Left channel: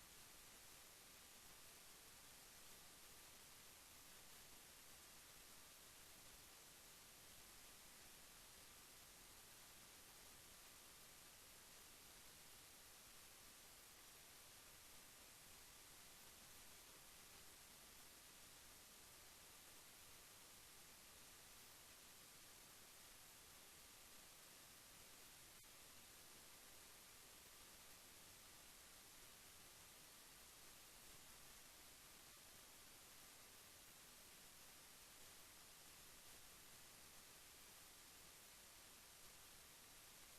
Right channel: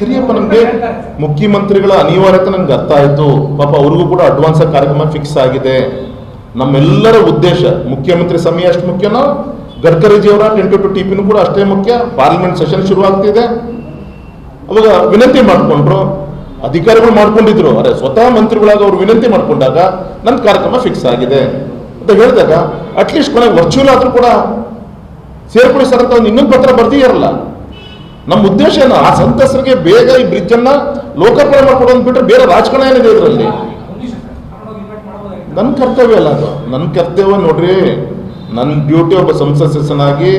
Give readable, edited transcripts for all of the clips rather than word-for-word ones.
ಸರಿಯಪ್ಪ, ನಮಗೆ ಮುಖ್ಯಮಂತ್ರಿಗಳ ಅನಿವಾರ್ಯತೆ ನಂಗೆ ಅರ್ಥ ಆಯಿತು. ಪಾಪ ಅವ್ರಿಗೂ ಕೂಡ ಅಡ್ವಾನ್ಸ್ ಕಾರ್ಯಕ್ರಮ ಫಿಕ್ಸ್ ಆಗಿದೆ. ನಮ್ಮೆಲ್ಲರ ಉದ್ದೇಶ ಮುಖ್ಯಮಂತ್ರಿ ಸಮಯ ಅಷ್ಟು ಮುಖ್ಯನೋ, ಗಡ್ಕರಿಜಿಯವರ 10 ಟಿಪಿನೂ ಕೂಡ ಅಷ್ಟೇ ಮುಖ್ಯ. ಪಾರ್ಲಿಮೆಂಟ್ ಸೆಷನ್ ಶುರು ಆಗ್ತಿದೆ. ಅವಾಗ ವಿನಂತಿ ಮಾಡಿಕೊಂಡ್ರು, ಅಧಿಕಾರಿಗಳು ಮಾಡ್ಕೊಂಡಿದ್ರು. ಅರೆ ಸ್ವತಃ ಮಂತ್ರಿಗಳಾಗ ಅವರು ವಿನಂತಿ ಮಾಡ್ಕೊಂಡಾಗ ನನ್ನ ಕಾರ್ಯಕ್ರಮ ಫಿಕ್ಸ್ ಆಗಿದೆ ಅಂತ ಹೇಳಿದಾಗ ಅಟ್ಲೀಸ್ಟ್ ಕೊನೆಗೆ ವರ್ಚುವಲ್ ಆದ್ರೂ ಕೂಡ ಸೇರ್ಪಡೆ ಸರ್ ಅಂತ ಒಂದು ಇನ್ನೊಂದು ಪತ್ರ ಬರ್ದಿರಲ್ಲ. ನಮ್ಮ ಉದ್ದೇಶ ಏನು, ಆ ಸಂತಸರಿಗೆ ಬೇಗ ಈ ಬ್ರಿಡ್ಜ್ ಅನ್ನ ಲೋಕಾರ್ಪಣೆ ಮಾಡ್ಕೊಡೋದು ಬಿಟ್ಟರೆ ಬೇರೆ ರಾಜಕಾರಣ ಏನಿದೆ ಇದರಲ್ಲಿ. ನನ್ನ ಕರ್ತವ್ಯ ಅಲ್ಲ ಅದು, ನನ್ನ ಕರ್ತವ್ಯ ನೋಡ್ರಿ. ನನ್ನ ಡ್ಯೂಟಿ ಒಬ್ಬ ಸಂಸತ್ ಸದಸ್ಯನಾಗಿ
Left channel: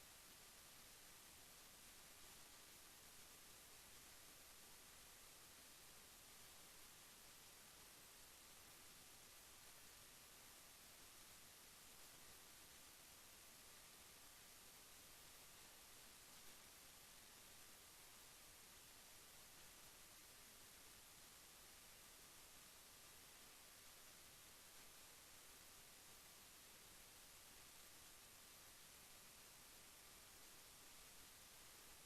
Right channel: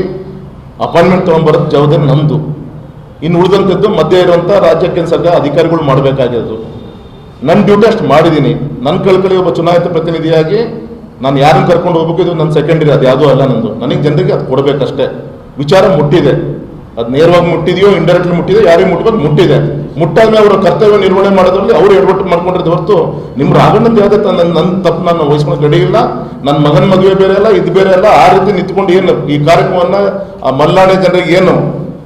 ಅಪಾಯಿಂಟ್ಮೆಂಟ್ ತೊಗೊಂಡ್ಬರೋದು ಜವಾಬ್ದಾರಿ ನಂದು. ಇನ್ನು ಉಳಿದಂಥದ್ದು ಮಧ್ಯೆ ಇರುವಂಥ ರಾಜ್ಯ ಕೇಂದ್ರ ಅಧಿಕಾರಿಗಳು ಮಾಡಬೇಕಾಗಿರೋದು. ನನ್ನ ಡ್ಯೂಟಿ ಅಷ್ಟು ಮಾಡಿದ್ದೀನಿ. ನನ್ನ ಕಳ್ಕಳಿ ಒಬ್ಬ ಚುನಾಯಿತ ಪ್ರತಿನಿಧಿಯಾಗಿ ನಾನು ಯಾರನ್ನು ಕರ್ಕೊಂಡು ಹೋಗ್ಬೇಕು, ಇದು ನನ್ನ ಸೆಕೆಂಡರಿ, ಅದು ಯಾವುದೂ ಅಲ್ಲ ನಂದು. ನನಗೆ ಜನರಿಗೆ ಅದು ಕೊಡಬೇಕಷ್ಟೇ. ವಿಚಾರ ಮುಟ್ಟಿದೆ, ಅದು ನೇರವಾಗಿ ಮುಟ್ಟಿದೆಯೋ ಇಂಡೈರೆಕ್ಟ್ಲಿ ಮುಟ್ಟಿದೆಯೋ, ಯಾರಿಗೆ ಮುಟ್ಟಬೇಕು ಮುಟ್ಟಿದೆ. ಮುಟ್ಟಾದ್ಮೇಲೆ ಅವರ ಕರ್ತವ್ಯ ನಿರ್ವಹಣೆ ಮಾಡೋದ್ರಲ್ಲಿ ಅವರು ಎಡವಟ್ಟು ಮಾಡ್ಕೊಂಡಿರೋದು ಹೊರತು ನಿಮ್ಮ ರಾಗಣ್ಣದ್ದು ಯಾವುದೇ ನನ್ನ ತಪ್ಪು ನಾನು ವಹಿಸ್ಕೊಂಡು ಗಡಿ ಇಲ್ಲ. ನನ್ನ ಮಗನ ಮದುವೆ ಬೇರೆ ಅಲ್ಲ, ಇದು ಬೇರೆ ಅಲ್ಲ. ಆ ರೀತಿ ನಿಂತ್ಕೊಂಡು ಏನು ಈ ಕಾರ್ಯಕ್ರಮವನ್ನು ಆ ಮಲ್ನಾಡಿ ಜನರಿಗೆ ಏನು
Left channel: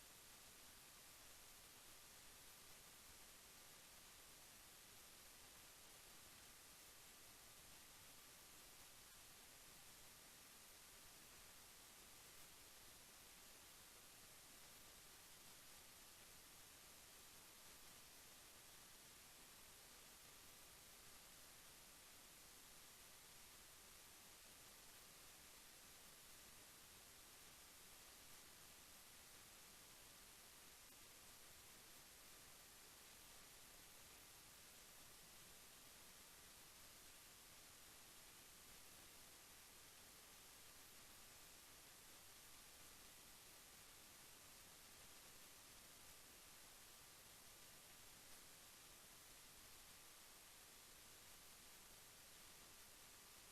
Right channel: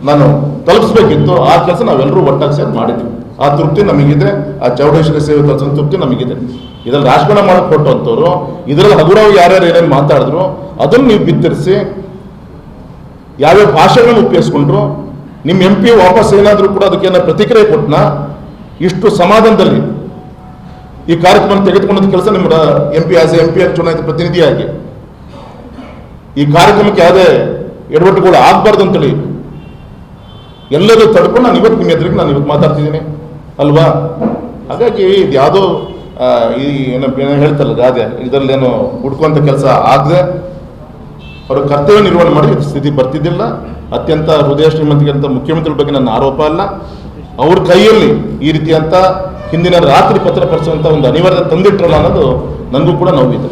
ನಾನು ತಲುಪಿಸ್ಬೇಕಿತ್ತು, ಆ ಕೆಲಸ ನಾವೆಲ್ಲರೂ ಒಟ್ಟಾಗಿ ಸೇರಿ ಮಾಡಿದ್ವಿ. ಆ ತೃಪ್ತಿ ನಮಗಿದೆ. ಆ ಚೌಡೇಶ್ವರಿ ಸೇವೆ ಕೆಲಸ ತೃಪ್ತಿ ನಮಗಿದೆ. ಇದರಲ್ಲಿ ರಾಜಕಾರಣ ಮಾಡಕ್ಕೆ ಕೊಟ್ಟಂಥವ್ರು, ಇದರಲ್ಲಿ ಹಗುರವಾಗಿ ಯಾರ್ಯಾರು ಏನೇನು ಮಾತಾಡಿದ್ರು ಅದನ್ನು ನೀವು ಬಿತ್ತರಿಸಿ ಯಾವ್ಯಾವ ಭಾಷೆಗಳನ್ನು ಉಪಯೋಗಿಸ್ಕೊಂಡ್ರು, ನಿಮ್ಮ MP ವಾಪಸ್ ಏನಾದರೂ ಕೂಡ ಅದಕ್ಕೆ ಪ್ರತಿಕ್ರಿಯೆ ಕೊಟ್ಟನ, ಇಷ್ಟು ಸಮಾಧಾನದಲ್ಲಿ ಈ ಕಾರ್ಯಕ್ರಮ ತೆಗೆದುಕೊಂಡ ಕೆಲಸ ನಿಮ್ಮ MP ಚುನಾಯಿತ ಪ್ರತಿನಿಧಿಯಾಗಿ ಈ ಕಾರ್ಯಕ್ರಮಕ್ಕೆ ಯಾವುದೇ ಎಡವಟ್ಟುಗಳು ಆಗಬಾರ್ದು ಅಂತೇಳಿ ಎಲ್ಲರೂ ತಡ್ಕೊಂಡು ನಾನು ಇವತ್ತು ನಿಮ್ಮ ಎದುರಿಗೆ ನಾನು ಇವತ್ತು ಮಾತಾಡ್ತಿದ್ದೀನಿ ಅಲ್ವಾ. ಹಾಗಾಗಿ ಇದು ಯಾವುದೋ ಈ ಏನೋ ಹೇಳ್ತಾರಲ್ಲ ಗಾದೆ, ಇದರಲ್ಲೇನು ಹುಡ್ಕುವಂಥ ಕೆಲಸ ಆಗದೆ ಅವರ ಕರ್ತವ್ಯ ನಿರ್ವಹಣೆ ಮಾಡಿ ಸ್ಥಿತಿ ಬರ್ತಿದ್ದಿಲ್ಲ. ಅತ್ಯಂತ ಹೃದಯ ಶ್ರೀಮಂತಿಗೆ ಮುಖ್ಯಮಂತ್ರಿಗಳ ಬಗ್ಗೆ ನನ್ನ ಆರೋಪ ಅಲ್ಲ. ಅವ್ರ ಕೈಯಲ್ಲಿ ಈ ರೀತಿಯಂಥ ಹಿಂದಿನ ರಾತ್ರಿ ಪತ್ರ ಪಡಿಸುವಂಥ ಒಂದು ಅನಿವಾರ್ಯತೆ ತಂದಿಟ್ರಲ್ಲ ಅನ್ನೋದು ನನಗೂ ಕೂಡ ನೋವಿದೆ.